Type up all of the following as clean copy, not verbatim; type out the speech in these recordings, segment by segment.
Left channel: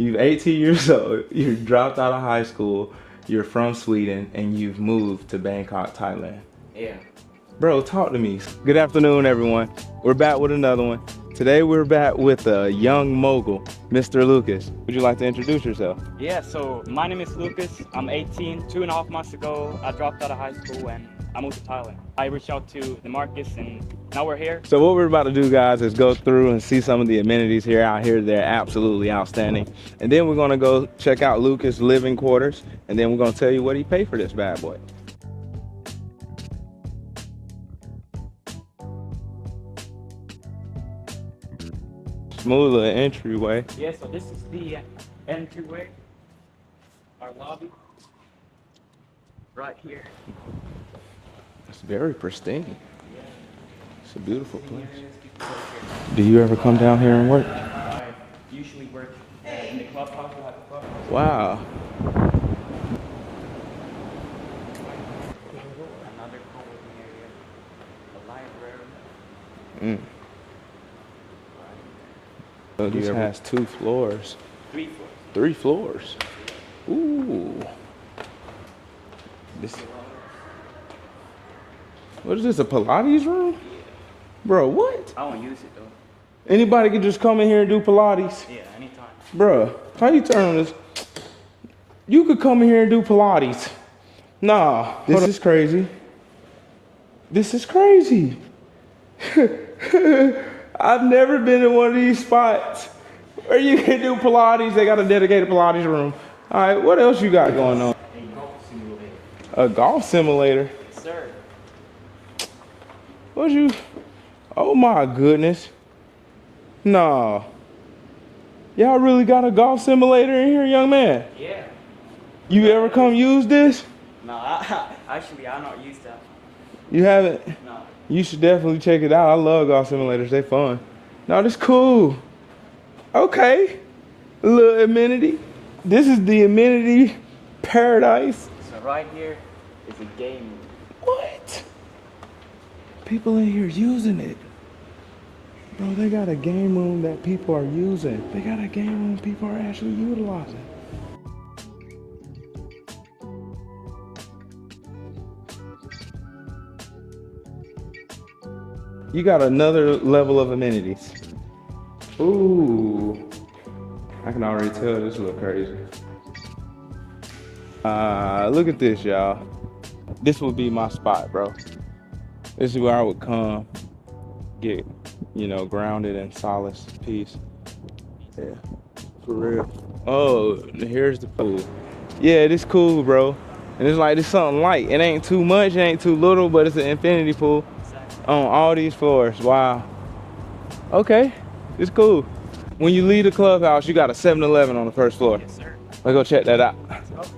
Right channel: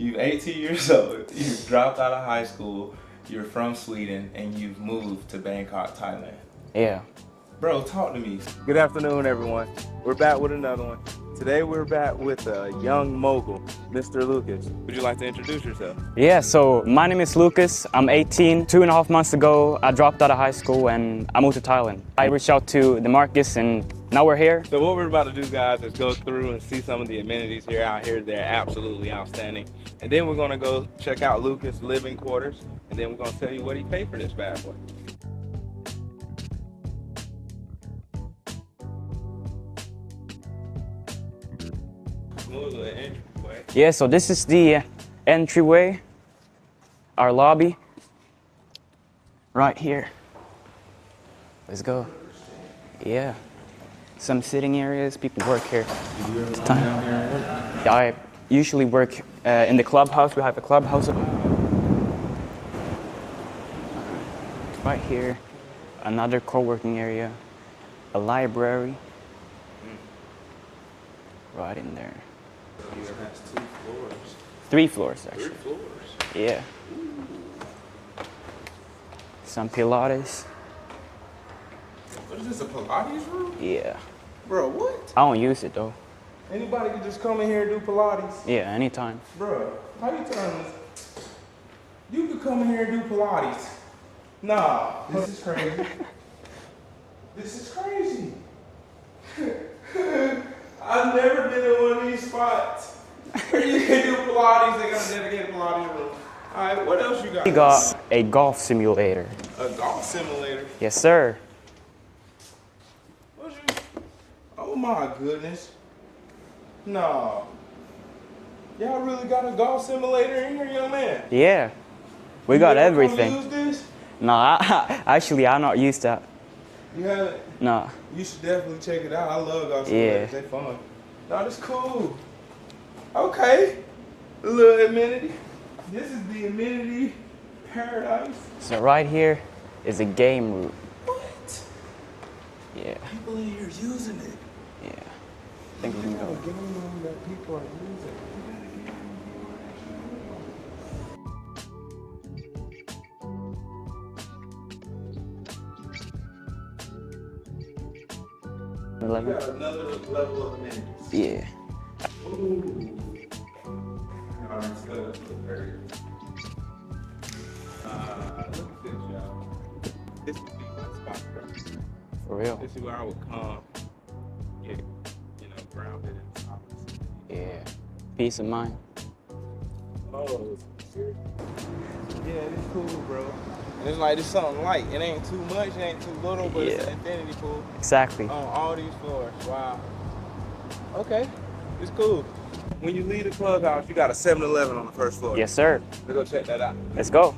You're 18 years old. You dropped out of high school. You're from Sweden, and you've moved to Bangkok, Thailand. Yeah. Bro, talk to me. Good afternoon, everyone. We're back with another one. Today we're back with a young mogul, Mr. Lucas. Would you like to introduce yourself? Yeah, so my name is Lucas. I'm 18. 2.5 months ago, I dropped out of high school and I moved to Thailand. I reached out to the Marcus and now we're here. So what we're about to do, guys, is go through and see some of the amenities here out here. They're absolutely outstanding. And then we're gonna go check out Lucas' living quarters, and then we're gonna tell you what he paid for this bad boy. Smooth little entryway. Yeah, so this is the entryway, our lobby, right here. Let's go. Very pristine. Yeah. Some sitting areas, people work here. Do you ever come down here and work? I usually work in the Clubhouse. We have a Clubhouse. Wow. Right here, another co-working area, a library. Right in there. So this has 2 floors. 3 floors. Actually. 3 floors. Yeah. Ooh. Some Pilates. What is this, a Pilates room? Yeah. Bro, what? I don't use it though. Anybody can just come in here and do Pilates? Yeah, anytime. Bro, how you turn this? You could come in here and do Pilates. Nah, this is crazy. This is crazy. I've never been in one of these spots where you can do Pilates. They got a dedicated Pilates room. All right, what else you got We going got on? a golf simulator. A golf simulator? Yes, sir. What you? Oh my goodness. No. Y'all really got a golf simulator in here, young man? Yeah. We You got ever come everything. use this? Nah, actually, I'm not used to that. You haven't? Nah. You should definitely check it out. I love golf simulators. Yeah. They fun. No, this cool. Okay. A little amenity. This is the amenity paradise. So right here is a game room. What? Yeah. People in here using it. Yeah. Bro, they got a game room that people are using. They got a game room people are actually utilizing. You got another level of amenities. Yeah. Ooh. I can already tell this look crazy. Look at this, y'all. This would be my spot, bro. For real. This is where I would come, get, grounded in solace, peace. Yeah. Peace of mind. For real. Oh, here's the pool. Yeah, this cool, bro. And it's like, it's something light. It ain't too much, it ain't too little, but it's an infinity pool. Exactly. On all these floors, wow. Okay, it's cool. When you leave the clubhouse, you got a 7-Eleven on the first floor. Yes, sir. Let's go check that out. Let's go.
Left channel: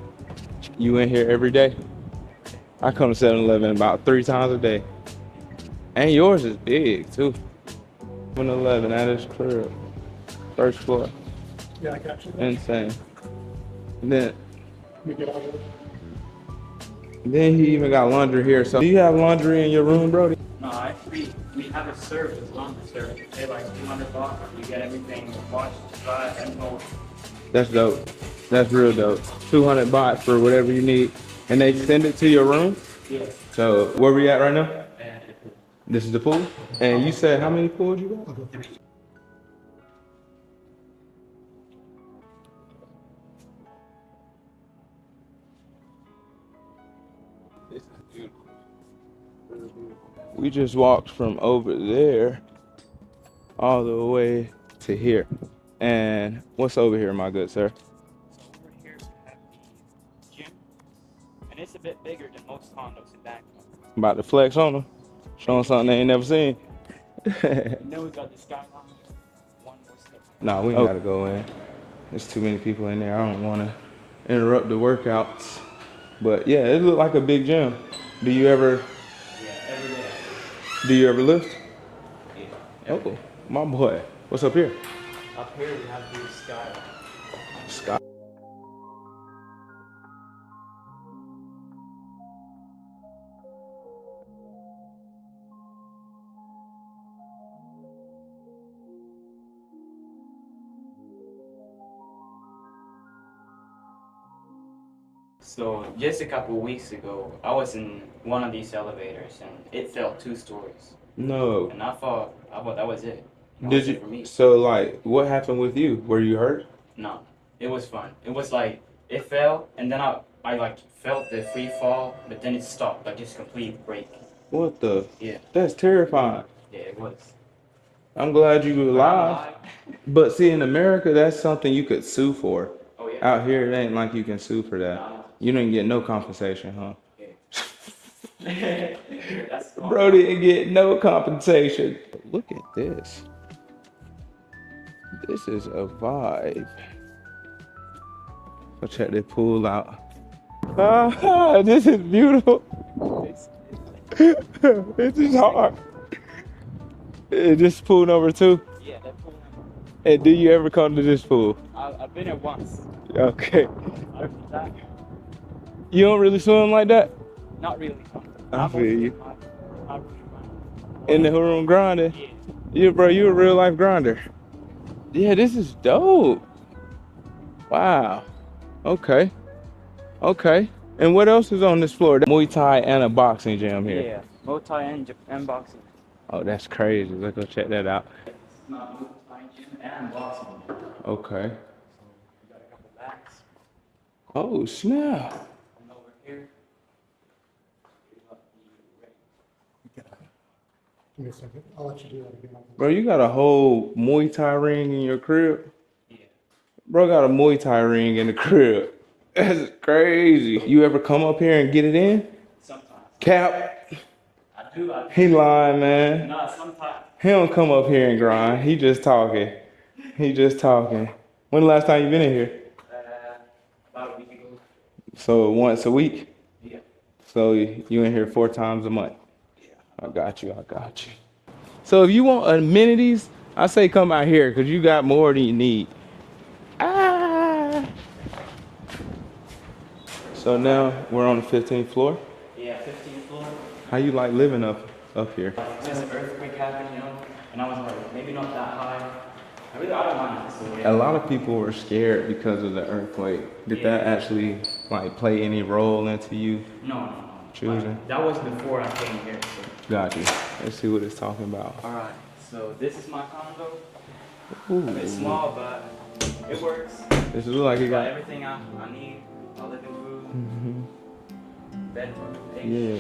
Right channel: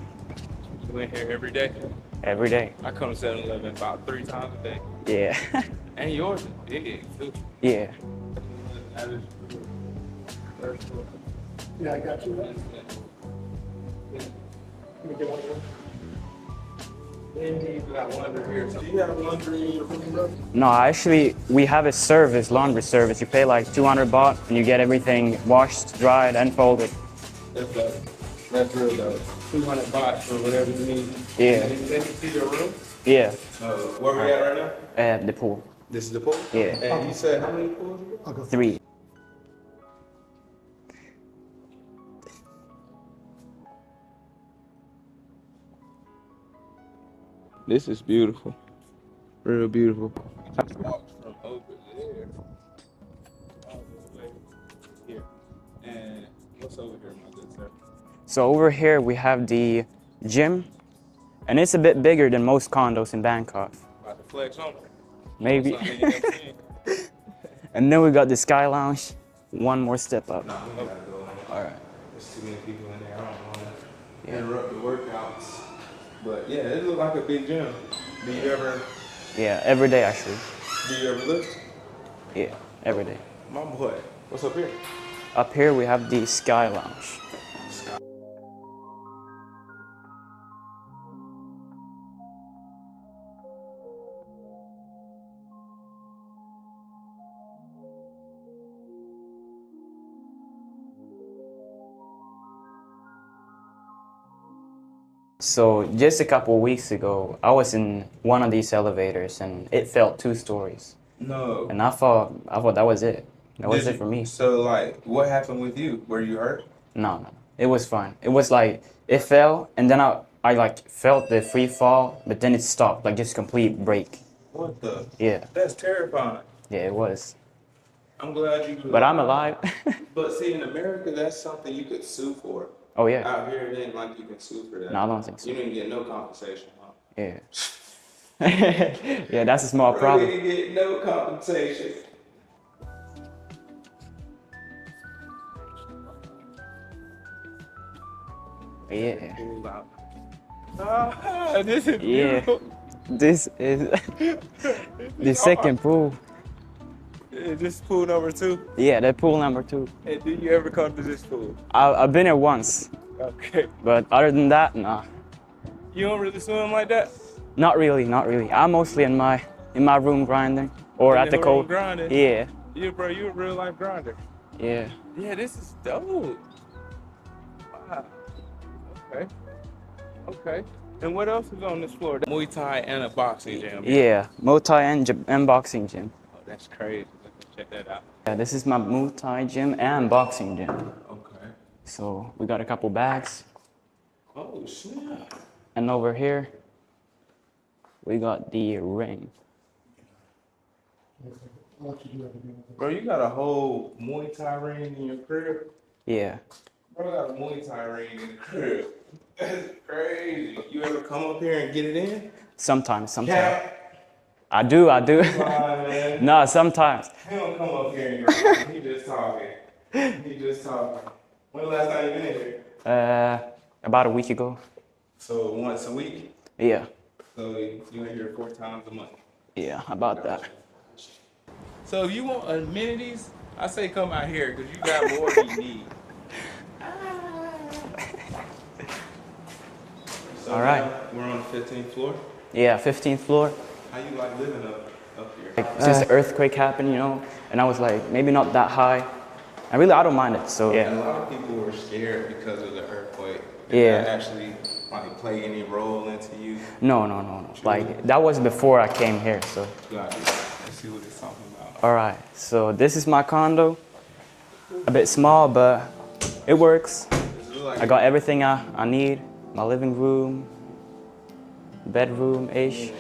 You in here every day? Every day. I come to 7-Eleven about 3 times a day. Yeah. And yours is big, too. Yeah. 7-Eleven, that is crib. First floor. Yeah, I got you. Insane. Then Let me get on here. he even got laundry here. So do you have laundry in your room, Brody? No, actually, we have a service, laundry service. You pay like 200 baht and you get everything washed, dried, and folded. That's dope. That's real dope. 200 baht for whatever you need. Yeah. And they send it to your room? Yeah. So where we at right now? The pool. This is the pool? Yeah. And you said how many pools you got? 3. This is beautiful. Real beautiful. We just walked from over there all the way to here. And what's over here, my good sir? So over here we have the gym, and it's a bit bigger than most condos in Bangkok. I'm about to flex on them. Show them Maybe. something they ain't never seen. And then we got the Sky Lounge, one more step up. Nah, we ain't gotta go in. All right. There's too many people in there. I don't wanna interrupt the workouts. But yeah, it looked like a big gym. Do you ever Yeah, every day actually. lift? Yeah, every day. My boy. What's up here? Up here we have the Sky Lounge. Scott. So just a couple weeks ago, I was in one of these elevators and it fell 2 stories. No. And I thought that was it. That was it for me. So like, what happened with you? Were you hurt? No. It was fine. It was like, it fell and then I like felt the free fall, but then it stopped, like just complete break. What the? Yeah. That's terrifying. Yeah, it was. I'm glad you were alive. But I'm alive. But see, in America, that's something you could sue for. Oh, yeah. Out here, it ain't like you can sue for that. No, I don't think so. You didn't get no compensation, huh? Yeah. Yeah, that's a small Bro problem. didn't get no compensation. Look at this. This is a vibe. Go check this pool out. Ah, this is beautiful. This is This the is second hard. pool. This is pool number 2. Yeah, that pool number 2. And do you ever come to this pool? I've been here once, Okay. but other than that, nah. You don't really swim like that? Not really, not really. I'm feel mostly you. in my room grinding or In at the room cold. grinding? Yeah, Bro, you a real life grinder. yeah. Yeah, this is dope. Wow. Okay. Okay. And what else is on this floor? Muay Thai and a boxing gym here. Yeah, Muay Thai and boxing gym. Oh, that's crazy. Let's go check that out. Yeah, this is my Muay Thai gym and boxing gym. Okay. So we got a couple bags. Oh, snap. And over here, we got the ring. Give me a second. I'll let you do that again. Bro, you got a whole Muay Thai ring in your crib? Yeah. Bro got a Muay Thai ring in the crib. That's crazy. You ever come up here and get it in? Sometimes. Cap. I do. He lying, man. Nah, sometimes. He don't come up here and grind. He just talking. He just talking. When the last time you been in here? About a week ago. So once a week? Yeah. So you in here 4 times a month? Yeah, about that. I got you. So if you want amenities, I say come out here because you got more than you need. So All now right. we're on the 15th floor. Yeah, 15th floor. How you like living up here? Since the earthquake happened, you know, and I was like, maybe not that high. And really, I don't mind it. So A lot of people were scared because of the earthquake. Did Yeah. that actually like play any role into you? No. Like that was before I came here. So Got you. Let's see what it's talking about. all right. So this is my condo. A bit small, but it works. This look like I got everything I need. My living room, bedroom-ish. Yeah.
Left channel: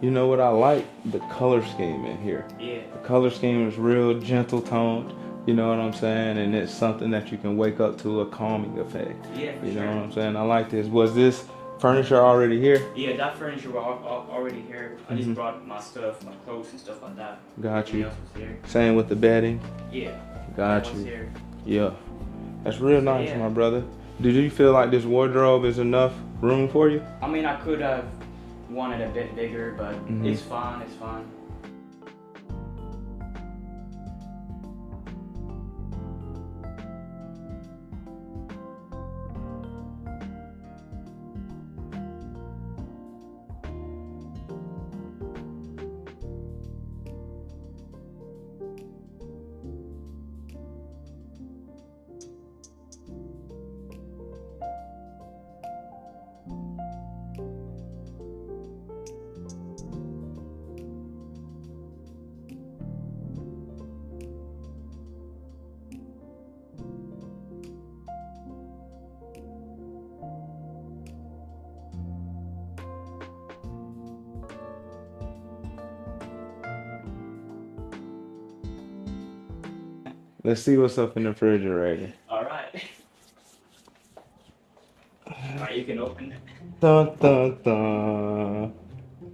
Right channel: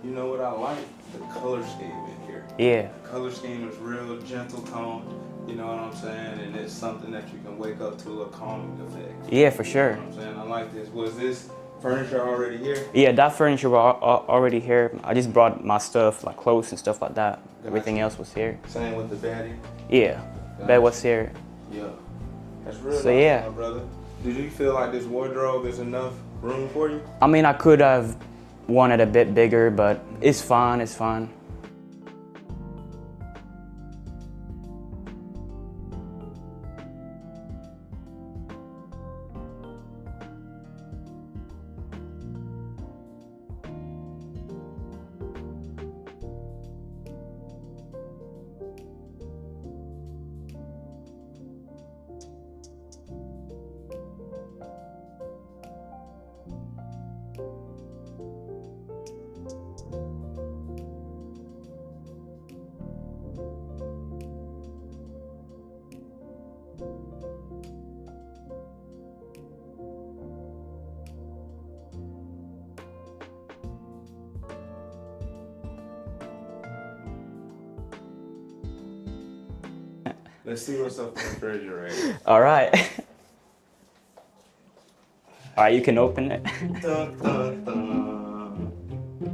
You know what I like? The color scheme in here. Yeah. The color scheme is real gentle toned. You know what I'm saying? And it's something that you can wake up to a calming effect. Yeah, for You sure. know what I'm saying? I like this. Was this furniture already here? Yeah, that furniture was already here. I just brought my stuff, my clothes and stuff like that. Got Everything you. else was here. Same with the bedding. Yeah, Got that was you. here. Yeah. That's real So, nice, yeah. my brother. Did you feel like this wardrobe is enough room for you? I mean, I could have wanted a bit bigger, but it's fine, it's fine. Let's see what's up in the refrigerator. All right. All right, you can open it. Dun, dun, dun.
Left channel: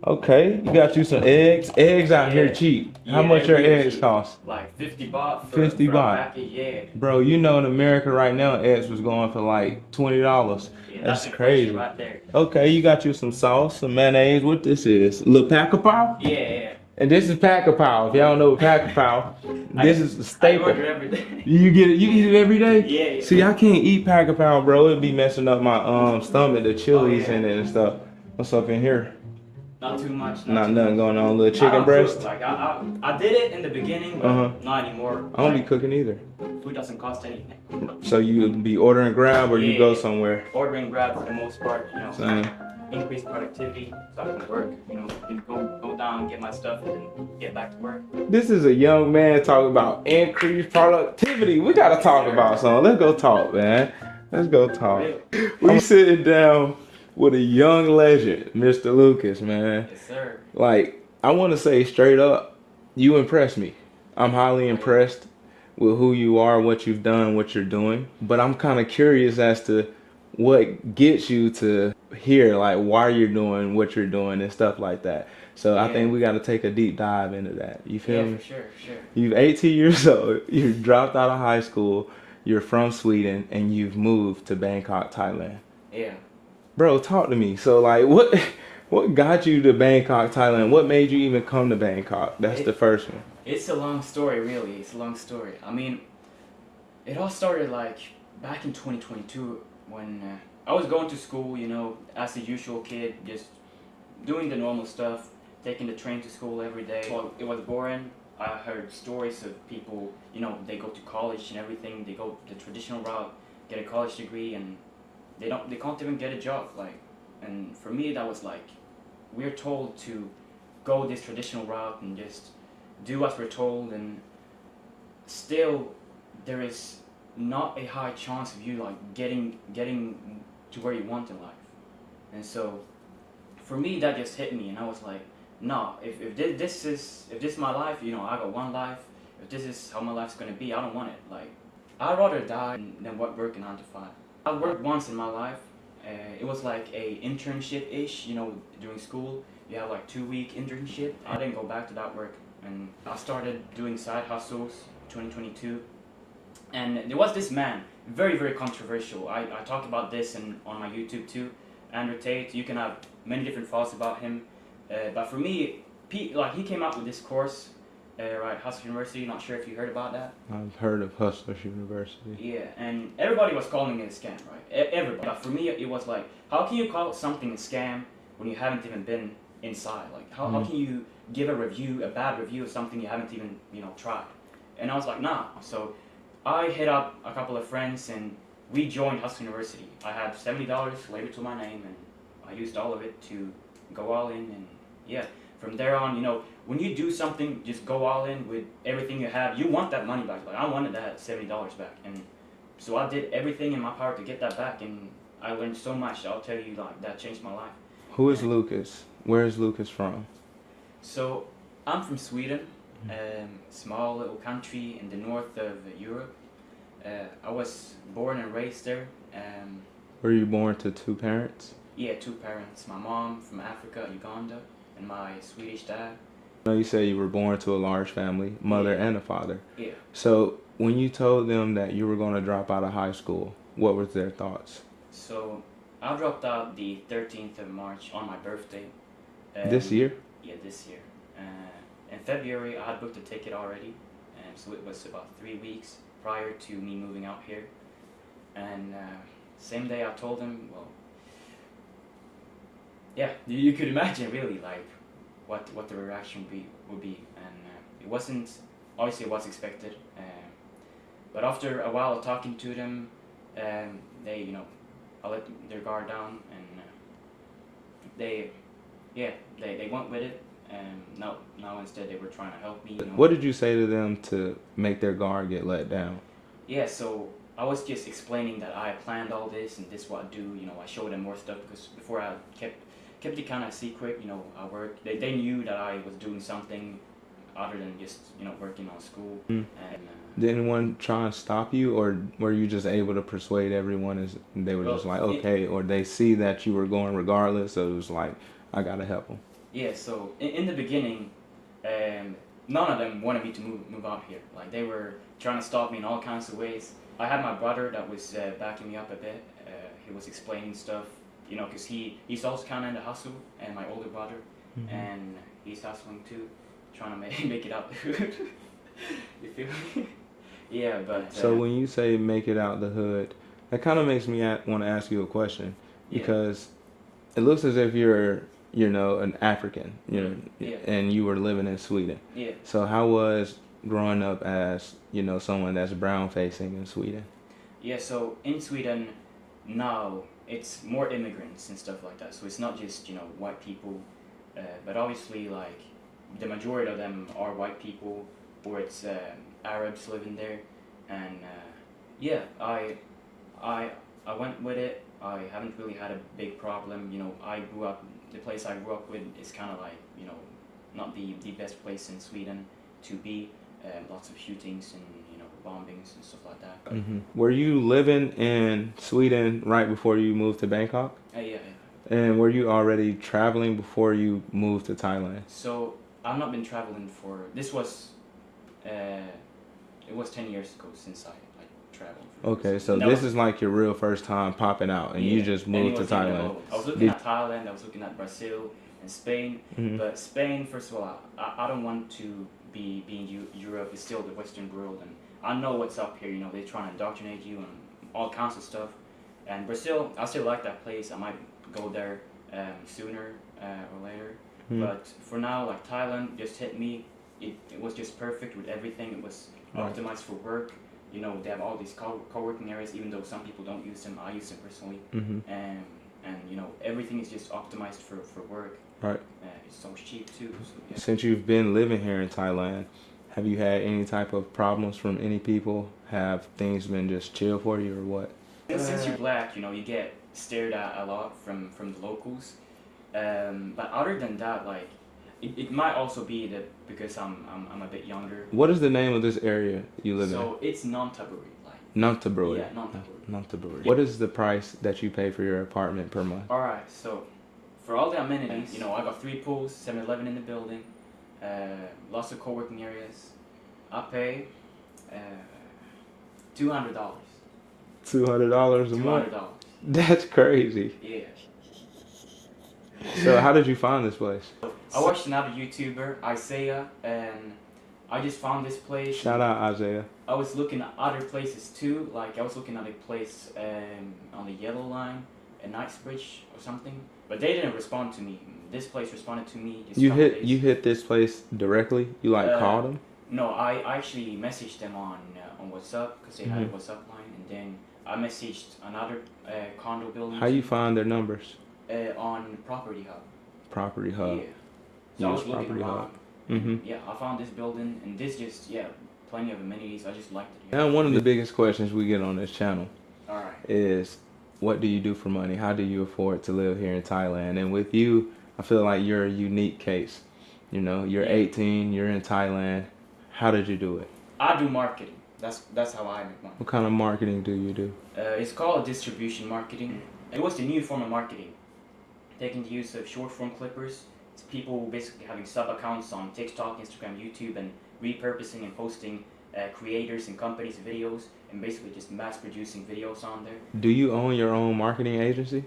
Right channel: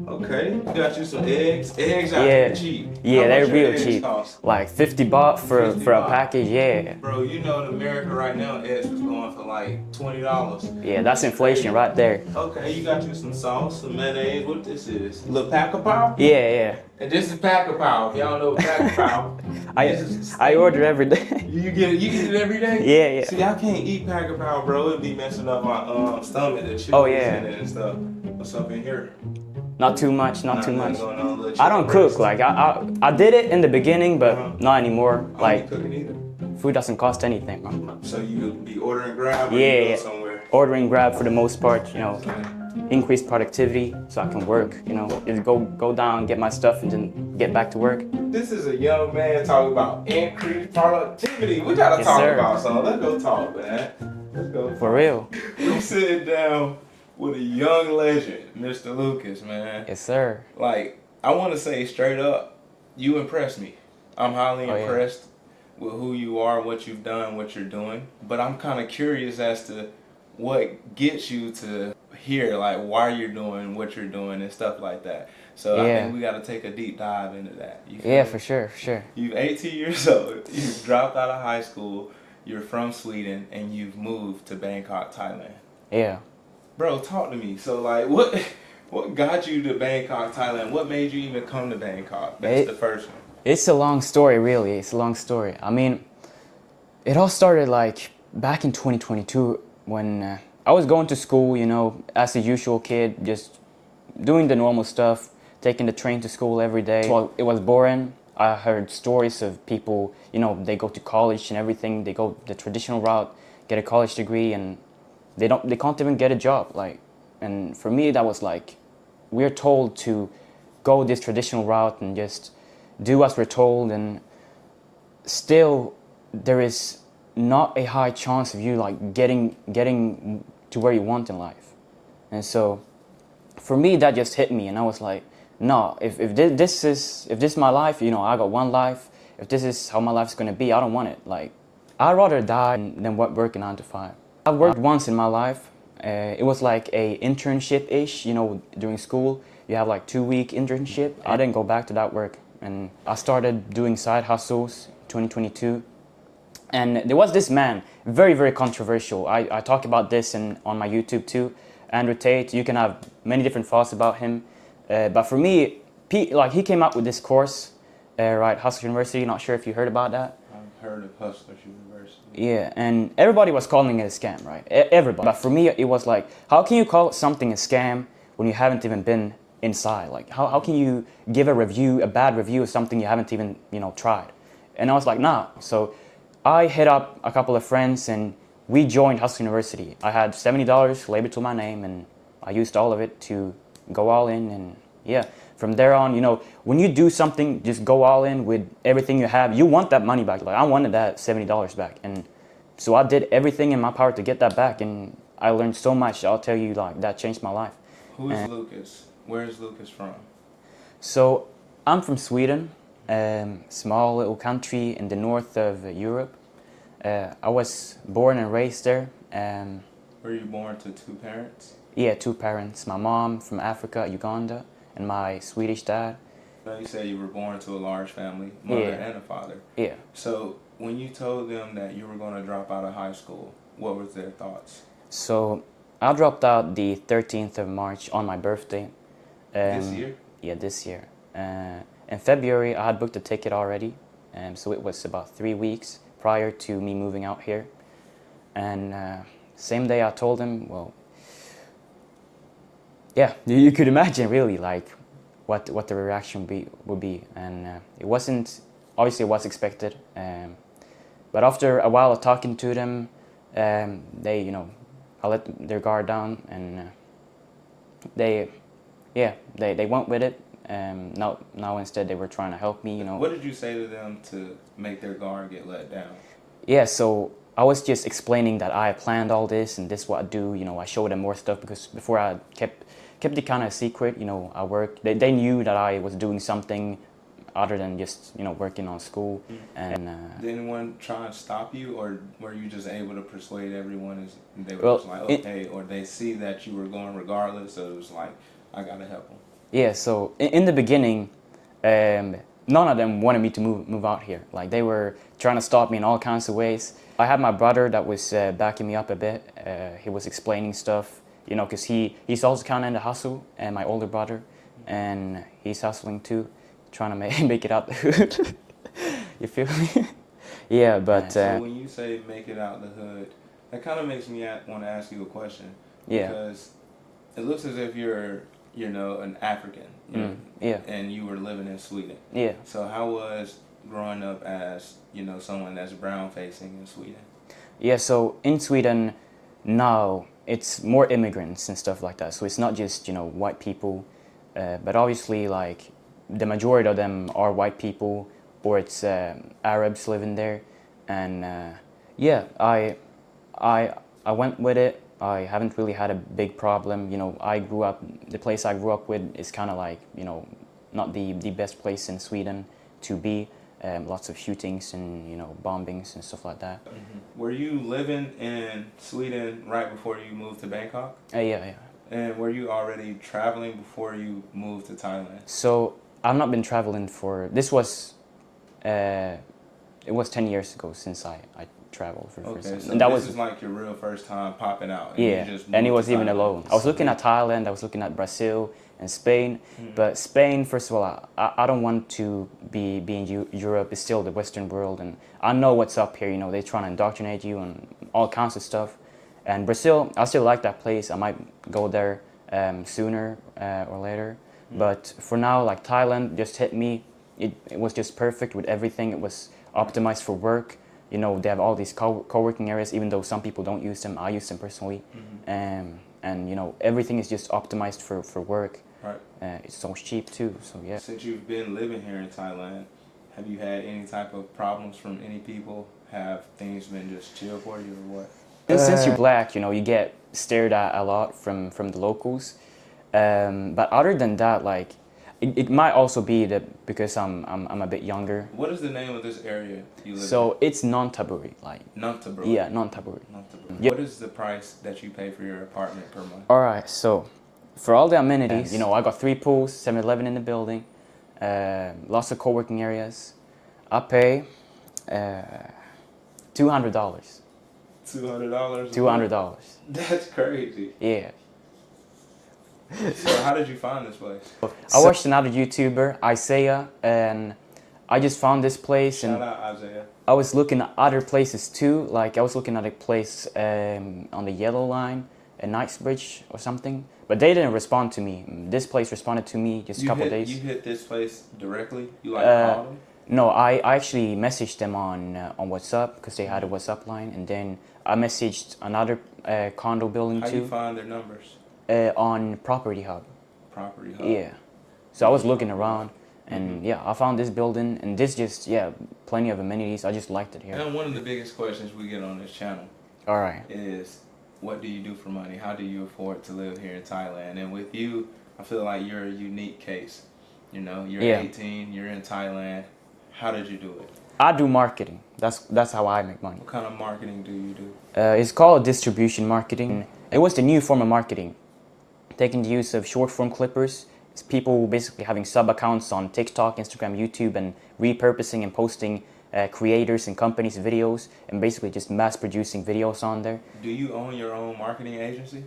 Okay, you got you some eggs. Eggs out here cheap. Yeah, How much they're your real eggs cheap. cost? Like 50 baht for 50 a baht. package, yeah. Bro, you know in America right now, eggs was going for like $20. Yeah, that's inflation crazy. right there. Okay, you got you some sauce, some mayonnaise. What this is? Little pack of pow? Yeah. And this is pack of pow. If y'all don't know what pack of pow, this is the I staple. order every day. You get it? You eat it every day? Yeah. See, I can't eat pack of pound, bro. It'd be messing up my stomach, the chilies Oh, yeah. in it and stuff. What's up in here? Not too much, not too Nothing much. going on, little chicken I don't breast. cook. Like I did it in the beginning, but not anymore. I don't Like be cooking either. food doesn't cost anything, bro. So you be ordering Grab or you go somewhere? Ordering Grab for the most part, you know, Same. increase productivity so I can work, you know, just go down, get my stuff, and then get back to work. This is a young man talking about increased productivity. We gotta Yes, talk sir. about something. Let's go talk, man. Let's go talk. For real. We sitting down with a young legend, Mr. Lucas, man. Yes, sir. Like, I want to say straight up, you impress me. I'm highly yeah. impressed with who you are, what you've done, what you're doing. But I'm kind of curious as to what gets you to here, like why you're doing what you're doing and stuff like that. So I think we got to take a deep dive into that. You feel Yeah, me? for sure, for sure. You're 18 years old. You dropped out of high school. You're from Sweden, and you've moved to Bangkok, Thailand. Yeah. Bro, talk to me. So, like, what got you to Bangkok, Thailand? What made you even come to Bangkok? That's the first one. It's a long story, really. It's a long story. I mean, it all started like back in 2022 when I was going to school, you know, as a usual kid, just doing the normal stuff, taking the train to school every day. Well, it was boring. I heard stories of people, you know, they go to college and everything. They go the traditional route, get a college degree, and they can't even get a job. Like, and for me, that was like, we're told to go this traditional route and just do as we're told, and still there is not a high chance of you like getting to where you want in life. And so for me, that just hit me, and I was like, no, if this is my life, you know, I got one life. If this is how my life's gonna be, I don't want it. Like, I'd rather die than work a 9 to 5. I've worked once in my life. It was like a internship-ish, you know, during school. You have like 2-week internship. I didn't go back to that work, and I started doing side hustles 2022. And there was this man, very, very controversial. I talk about this on my YouTube too. Andrew Tate, you can have many different thoughts about him. But for me, he came up with this course, right, Hustlers University. Not sure if you heard about that. I've heard of Hustlers University. Yeah, and everybody was calling it a scam, right? Everybody. But for me, it was like, how can you call something a scam when you haven't even been inside? Like, how can you give a bad review of something you haven't even, you know, tried? And I was like, nah. So I hit up a couple of friends and we joined Hustlers University. I had $70 labeled to my name, and I used all of it to go all in. And yeah, from there on, you know, when you do something, just go all in with everything you have. You want that money back. Like, I wanted that $70 back, and so I did everything in my power to get that back, and I learned so much. I'll tell you, like, that changed my life. Who is Lucas? Where is Lucas from? So I'm from Sweden, small little country in the north of Europe. I was born and raised there. Were you born to two parents? Yeah, 2 parents. My mom from Africa, Uganda, and my Swedish dad. I know you said you were born to a large family, mother and a father. Yeah. So when you told them that you were going to drop out of high school, what was their thoughts? So I dropped out the 13th of March on my birthday. This year? Yeah, this year. In February, I had booked a ticket already, and so it was about 3 weeks prior to me moving out here. And same day I told him, well, yeah, you could imagine really like what the reaction would be, and it wasn't, obviously it was expected, but after a while of talking to them, they, you know, I let their guard down, and they went with it. Now instead they were trying to help me, you know. What did you say to them to make their guard get let down? Yeah, so I was just explaining that I planned all this and this is what I do. You know, I showed them more stuff because before I kept it kind of secret. You know, I worked. They knew that I was doing something other than just, you know, working on school. And did anyone try and stop you, or were you just able to persuade everyone? And they were just like, okay, or they see that you were going regardless, so it was like, I gotta help them. Yeah. So in the beginning, none of them wanted me to move out here. Like, they were trying to stop me in all kinds of ways. I had my brother that was backing me up a bit. He was explaining stuff, you know, because he's also kind of in the hustle, and my older brother, and he's hustling too, trying to make it out the hood. You feel me? Yeah, but... so when you say make it out the hood, that kind of makes me want to ask you a question. Because it looks as if you're you know, an African, you know, Yeah. and you were living in Sweden. Yeah. So how was growing up as, you know, someone that's brown facing in Sweden? Yeah, so in Sweden now it's more immigrants and stuff like that. So it's not just, you know, white people, but obviously like the majority of them are white people or it's Arabs living there. And yeah, I went with it. I haven't really had a big problem. You know, the place I grew up with is kind of like, you know, not the best place in Sweden to be. Lots of shootings and, you know, bombings and stuff like that. Were you living in Sweden right before you moved to Bangkok? Yeah. And were you already traveling before you moved to Thailand? So I've not been traveling this was, it was 10 years ago since I traveled for the first Okay, time. so And that this was, is like your real first time popping out, and yeah, you just moved and it to was even Thailand. alone. I was looking at Thailand, I was looking at Brazil and Spain, but Spain, first of all, I don't want to be in Europe. It's still the Western world, and I know what's up here. You know, they're trying to indoctrinate you and all kinds of stuff. And Brazil, I still like that place. I might go there sooner or later. But for now, like Thailand just hit me. It was just perfect with everything. It was optimized for work. You know, they have all these co-working areas, even though some people don't use them. I use them personally. And you know, everything is just optimized for work. Right. It's so cheap too, so yeah. Since you've been living here in Thailand, have you had any type of problems from any people? Have things been just chill for you or what? Since you're black, you know, you get stared at a lot from the locals. But other than that, like, it might also be that because I'm a bit younger. What is the name of this area you live in? So it's non-taburi, like. Non-taburi. Yeah, non-taburi. Non-taburi. Yeah. What is the price that you pay for your apartment per month? All right, so for all the amenities, you know, I got 3 pools, 7-Eleven in the building, lots of co-working areas. I pay $200. $200. $200. That's crazy. Yeah. So how did you find this place? I watched another YouTuber, Isaiah, and I just found this place. Shout and out Isaiah. I was looking at other places too. Like I was looking at a place on the Yellow Line in Knightsbridge or something. But they didn't respond to me. This place responded to me just a couple days. You hit this place directly? You like called them? No, I actually messaged them on WhatsApp because they had a WhatsApp line, and then I messaged another condo building How too. you find their numbers? On Property Hub. Property Hub. Yeah. So I was looking Property around, Hub. and yeah, I found this building, and this just plenty of amenities. I just liked it here. Now, one of the biggest questions we get on this channel All right. is, what do you do for money? How do you afford to live here in Thailand? And with you, I feel like you're a unique case. You know, you're 18, you're in Thailand. How did you do it? I do marketing. That's how I make money. What kind of marketing do you do? It's called distribution marketing. It was the new form of marketing, taking the use of short form clippers. It's people basically having sub accounts on TikTok, Instagram, YouTube, and repurposing and posting creators and companies' videos, and basically just mass producing videos on there. Do you own your own marketing agency?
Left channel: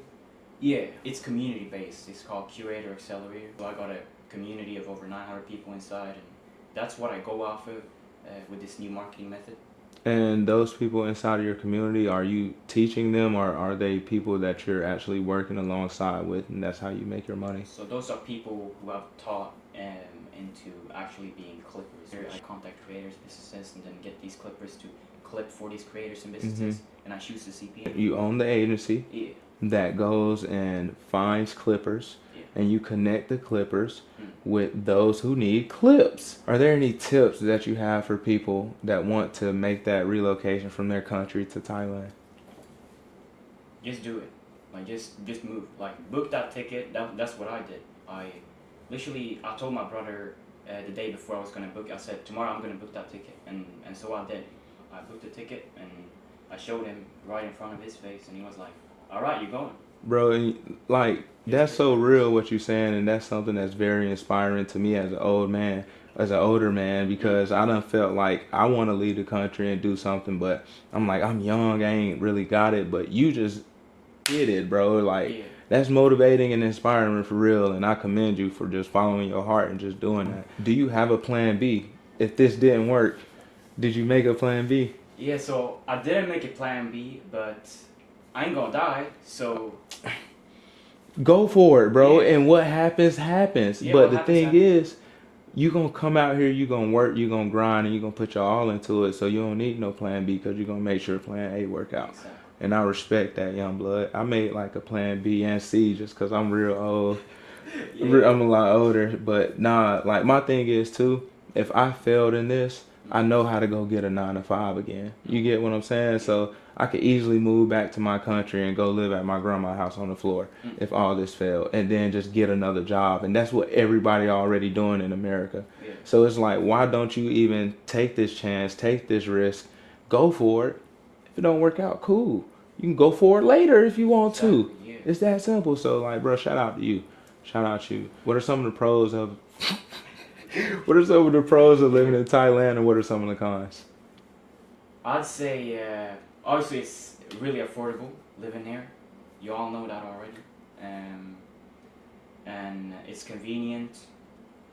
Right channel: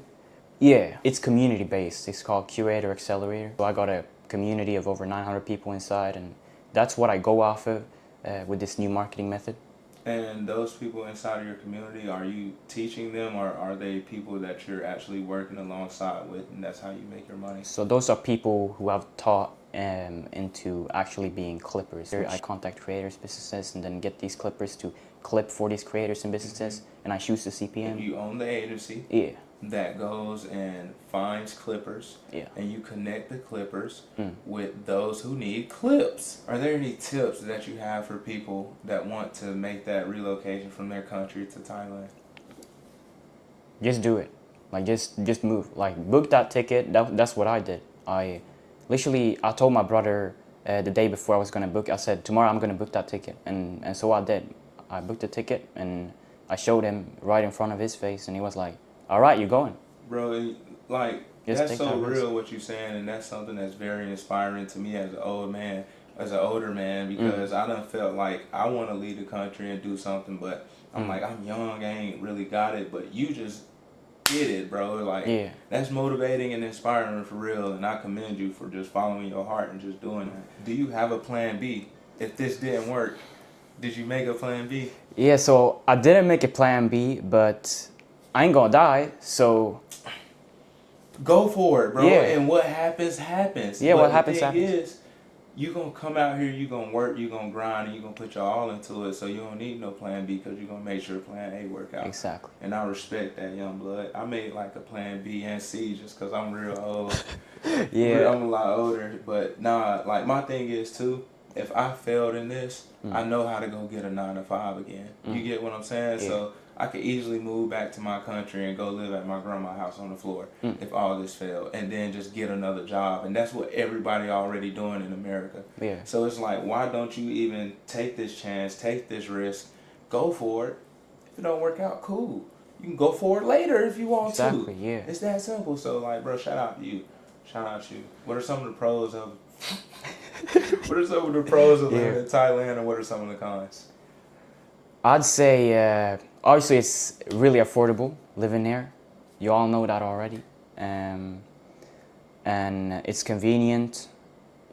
Yeah, it's community based. It's called Curator Accelerator. So I got a community of over 900 people inside, and that's what I go off of with this new marketing method. And those people inside of your community, are you teaching them, or are they people that you're actually working alongside with, and that's how you make your money? So those are people who I've taught into actually being clippers. I contact creators, businesses, and then get these clippers to clip for these creators and businesses, and I choose the CPM. You own the agency. Yeah. That goes and finds clippers, and you connect the clippers with those who need clips. Are there any tips that you have for people that want to make that relocation from their country to Thailand? Just do it. Like just move. Like book that ticket. That's what I did. I told my brother the day before I was gonna book. I said, tomorrow I'm gonna book that ticket, and so I did. I booked the ticket and I showed him right in front of his face, and he was like, all right, you're going. Bro, and like, that's so real what you're saying, and that's something that's very inspiring to me as an older man, because I done felt like I want to leave the country and do something, but I'm like, I'm young, I ain't really got it, but you just did it, bro. Like, that's motivating and inspiring for real, and I commend you for just following your heart and just doing that. Do you have a plan B? If this didn't work, did you make a plan B? Yeah, so I didn't make a plan B, but I ain't gonna die, so go for it, bro. Yeah. And what happens, happens. Yeah, but what the happens, thing happens. is, you gonna come out here, you gonna work, you gonna grind, and you gonna put your all into it. So you don't need no plan B because you're gonna make sure plan A work out. Exactly. And I respect that, young blood. I made like a plan B and C just because I'm real old. Yeah. I'm a lot older, but nah. Like my thing is too. If I failed in this, I know how to go get a 9 to 5 again. You get what I'm saying? Yeah. So I could easily move back to my country and go live at my grandma's house on the floor if all this failed, and then just get another job. And that's what everybody already doing in America. Yeah. So it's like, why don't you even take this chance, take this risk, go for it? If it don't work out, cool. You can go for it later if you want Exactly, to. yeah. It's that simple. So like, bro, shout out to you. Shout out to you. What are some of the pros of what are some of the pros of living in Thailand, and what are some of the cons? I'd say obviously it's really affordable living there. You all know that already. And it's convenient.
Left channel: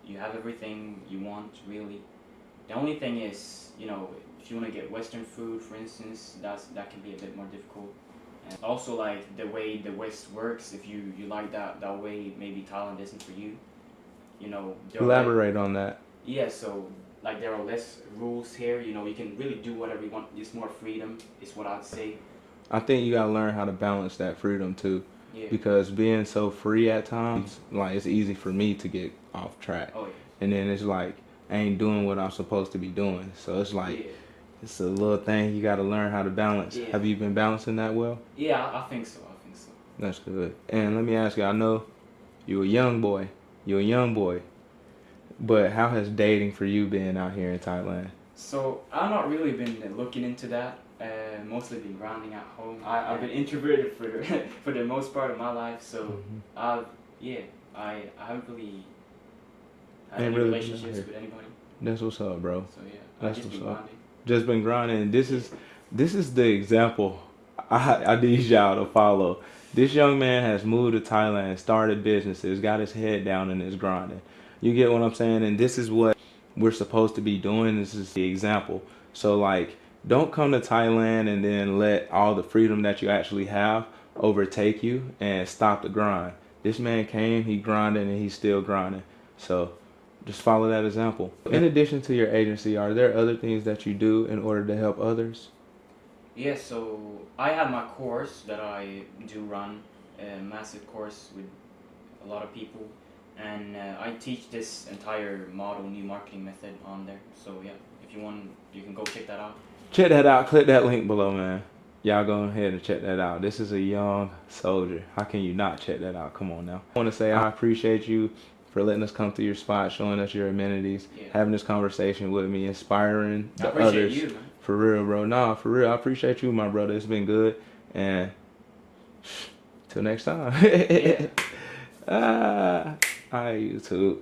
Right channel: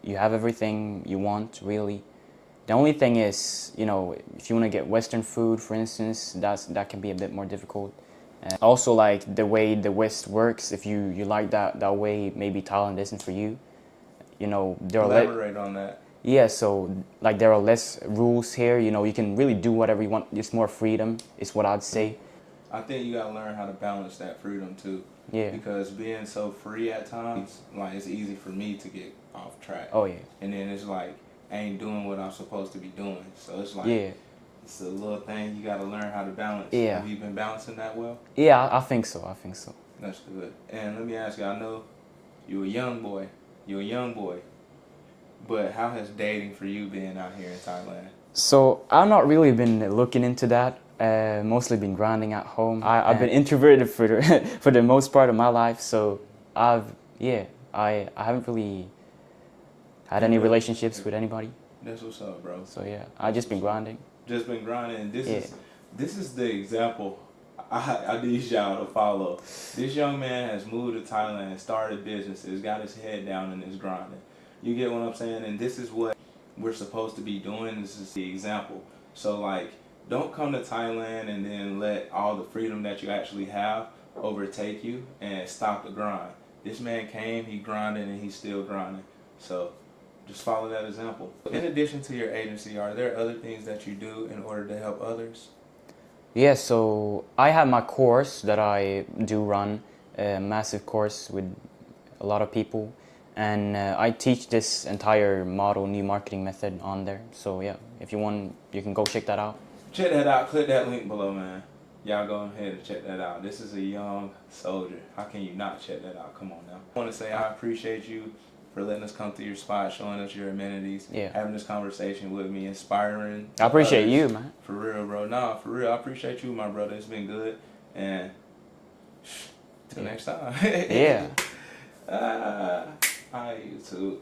You have everything you want, really. The only thing is, you know, if you want to get Western food, for instance, that can be a bit more difficult. Also, like the way the West works, if you like that way, maybe Thailand isn't for you. You know, there are Elaborate on that. yeah, so like there are less rules here. You know, you can really do whatever you want. It's more freedom, is what I'd say. I think you gotta learn how to balance that freedom too. Yeah. Because being so free at times, like it's easy for me to get off track. Oh yeah. And then it's like I ain't doing what I'm supposed to be doing. So it's like Yeah. it's a little thing you gotta learn how to balance. Yeah. Have you been balancing that well? Yeah, I think so. I think so. That's good. And let me ask you, I know you're a young boy. But how has dating for you been out here in Thailand? So I've not really been looking into that. Mostly been grinding at home. I've been introverted for the for the most part of my life. So I haven't really had any relationships with anybody. That's what's up, bro. So yeah, I've just been grinding. Just been grinding. And this is the example I need y'all to follow. This young man has moved to Thailand, started businesses, got his head down and is grinding. You get what I'm saying? And this is what we're supposed to be doing. This is the example. So like, don't come to Thailand and then let all the freedom that you actually have overtake you and stop the grind. This man came, he grinded, and he's still grinding. So just follow that example. In addition to your agency, are there other things that you do in order to help others? Yeah, so I had my course that I do run, a massive course with a lot of people. And I teach this entire model, new marketing method on there. So yeah, if you want, you can go check that out. Check that out. Click that link below, man. Y'all go ahead and check that out. This is a young soldier. How can you not check that out? Come on now. I want to say I appreciate you for letting us come to your spot, showing us your amenities, having this conversation with me, inspiring. I appreciate others. you, man. For real, bro. Nah, for real. I appreciate you, my brother. It's been good. And till next time. Yeah. Hi, YouTube.